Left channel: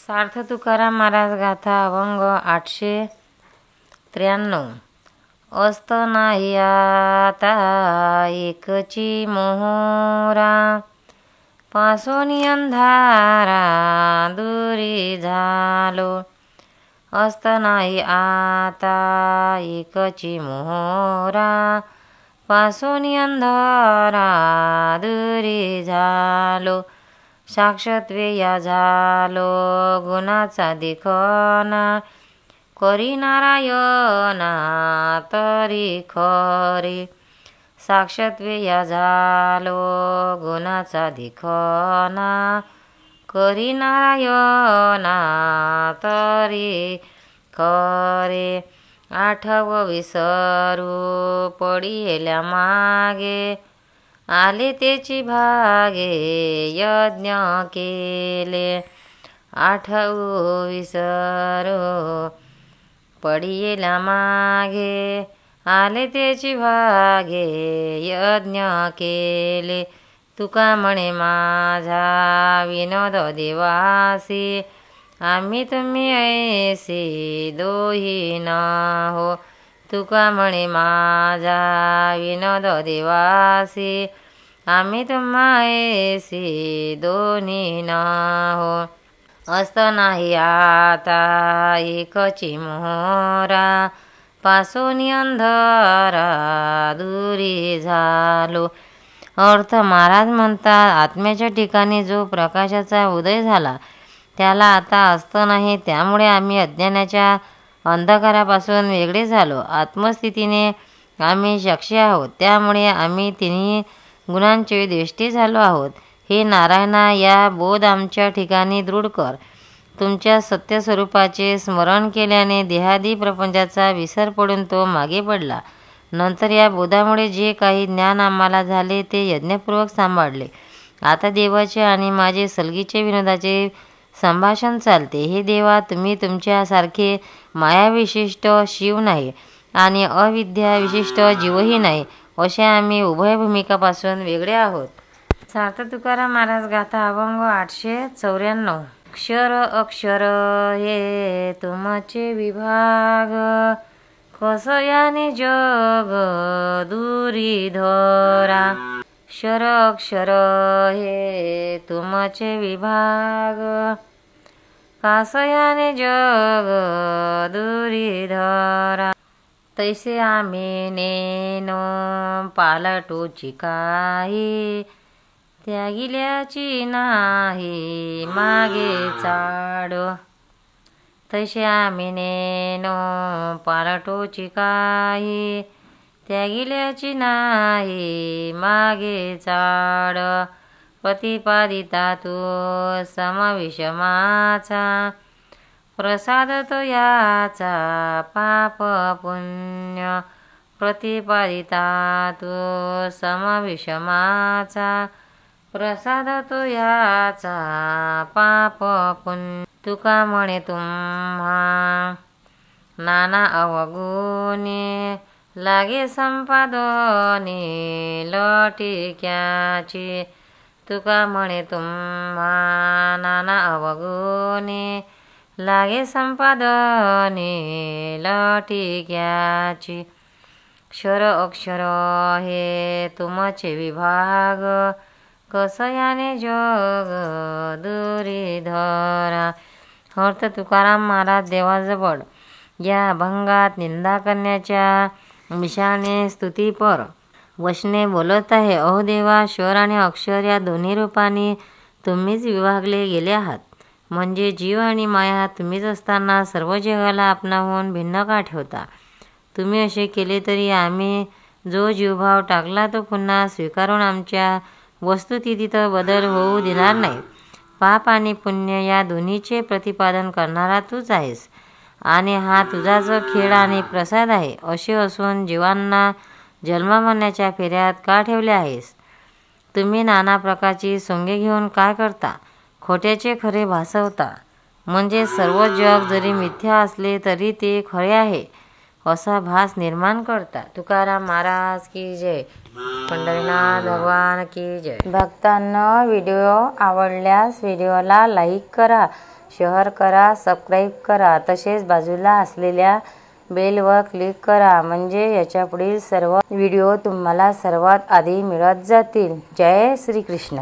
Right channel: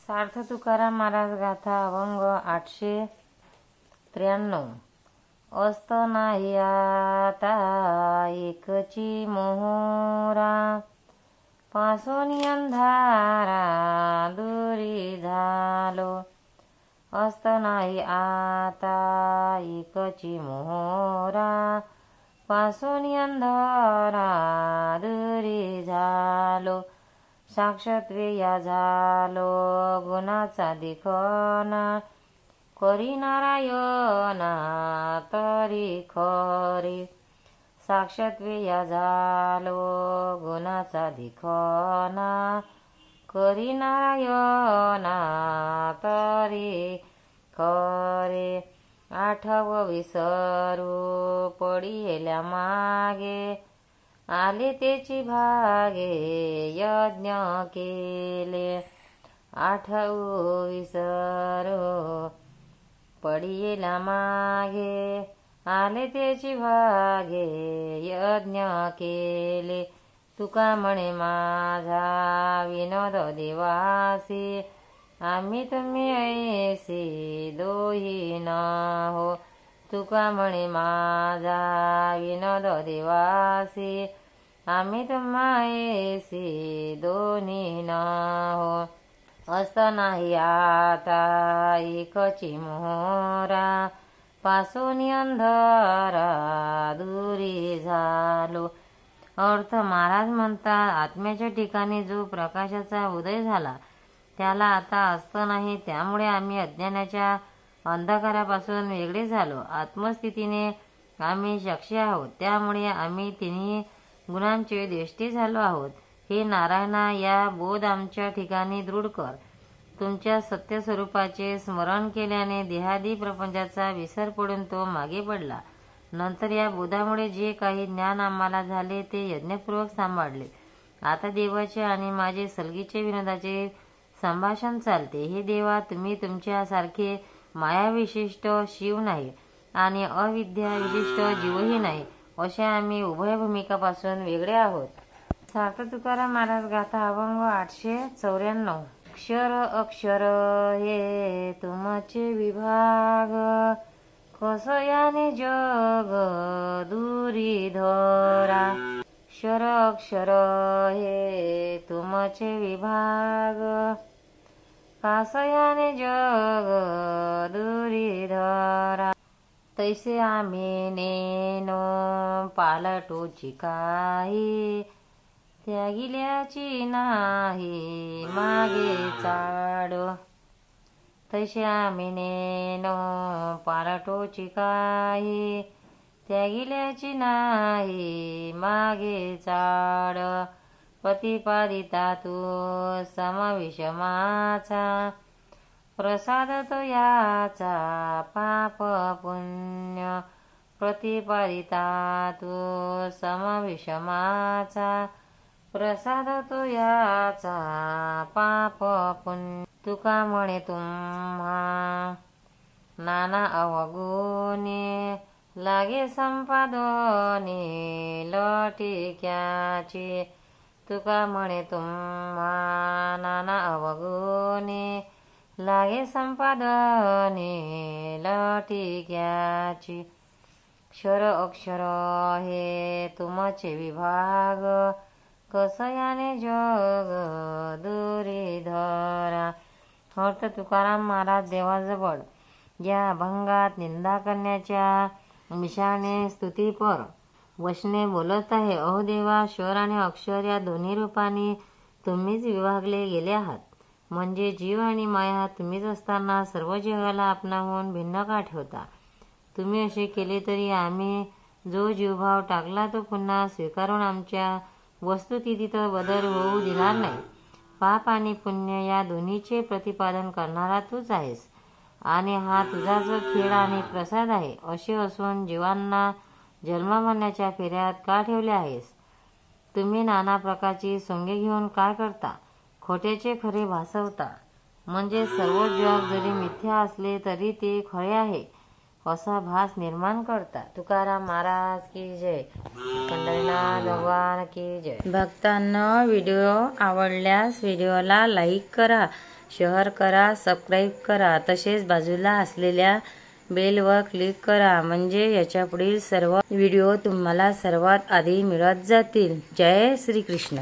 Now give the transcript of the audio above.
सार्थ तुकाराम महाराज गाथा अभंग 893। अस्त नाही आता एकची मोहरा, पासोनी अंधारा दुरी झालो। अस्त नाही आता एकची मोहरा, पासोनी अंधारा दुरी झालो। साक्षात्वेया झालो गुणाचा दिखना, करी नारायणा तरी खरी। साक्षात्वेया झालो गुणाचा दिखना, करी नारायणा तरी खरे। आठव विसरू पडिल्या मागे, आले तेची भागे यज्ञ केले। आठवू विसरू पडिल्या मागे, आले तेची भागे यज्ञ केले। तुका म्हणे माझा विनोद देवासी, आम्ही तुम्ही ऐसी दोही न हो। तुका म्हणे माझा विनोद देवासी, आम्ही तुम्हा ऐसी दोन्ही न हो। अस्त नाही आता एकची मोहरा, पासोनी अंधारा दुरी झालो। अर्थ महाराज म्हणतात, आत्म्याच्या ठिकाणी जो प्रकाशाचा उदय झाला त्याला आता अस्त नाही, त्यामुळे आम्ही अज्ञानाच्या अंधकारापासून वेगळे झालो। आत्मस्थितीने आम्ही साक्षी आहोत, त्यामुळे आम्ही तिन्ही गुणांचे द्वेष्टी झालो आहोत। हे नारायणा, या बोध आमच्या ठिकाणी दृढ कर। तुमच्या सत्य स्वरूपाचे स्मरण केल्याने देहादी प्रपंचाचा विसर पडून तो मागे पडला। नंतर या बोधामुळे जे काही ज्ञान आम्हाला झाले ते यज्ञपूर्वक सांभाळले। आता देवाचे आणि माझे सलगीचे विनोदाचे संभाषण चालते। हे देवा, तुम्ही तुमच्यासारखे मायाविशिष्ट शिव नाही आणि अविद्या विशिष्ट जीवही नाही, असे आम्ही उभय भूमिकापासून वेगळे आहोत। सार्थ तुकाराम महाराज गाथा अभंग 894। अक्षर अक्षर हे तुमचे विभाग, कसयाने जग दुरी धरा। अक्षर अक्षर हे तुमचे विभाग, कासयाने जग दुरी धरा। तैसे आम्ही नेनो पालटूची काही, त्यागिल्याची नाही मागे चाड। तैसे आम्ही नेनो पालटूची काही, त्यागिल्याची नाही मागे चाड। प्रतिपादिता तू समविषमाचा, प्रसाद तो याचा पाप पुण्य। प्रतिपादिता तू समविषमाचा, प्रसाद तो याचा पाप पुण्य। तुका म्हणे तुम्हा नाना अवगुणी, लागे संपादनी लटिक्याची। तुका म्हणे तुम्हा नाना अवगुणी, लागे संपादनी लटिक्याची। अक्षर अक्षर हे तुमचे विभाग, कसयाने जग दुरी धरा। अर्थ तुकाराम महाराज देवाजवळ या अभंगात निंदा करण्याच्या विषयाने स्तुतीपर वचने बोलत आहे। अहो देवा, स्वर आणि अक्षर या दोन्ही रूपांनी तुम्हीच विभागले गेले आहात। म्हणजे जीव आणि माया तुम्हीच असताना सर्व जगाला आपणाहून भिन्न का ठेवता? तुम्ही असे केले तरी आम्ही जो जीवभाव टाकला तो पुन्हा स्वीकारून आमच्या वस्तुस्थितीत बदल होऊ देणार नाही। पाप आणि पुण्य या दोन्हीचे प्रतिपादन करणारा तूच आहेस, आणि हा तुझाच खेळ आणि प्रसाद आहे। असे असून जीवांना जन्ममरणाच्या फेऱ्यात का ठेवले आहेस? तुम्ही नाना प्रकारची सोंगे घेऊन काय करता? खोट्याचे खरे भासवता, म्हणजे सर्व जग जरी मिथ्या असले तरी ते खरे आहे असा भास निर्माण करता। तुकाराम महाराज की जय। पंढरीनाथ भगवान की जय। भक्तांनो, व्हिडिओ आवडल्यास व्हिडिओला लाईक करा, शेअर करा, सबस्क्राईब करा. तसेच बाजूला असलेल्या बेलवर क्लिक करा म्हणजे याच्यापुढील सर्व व्हिडिओ तुम्हाला सर्वात आधी मिळत जातील. जय श्री कृष्ण.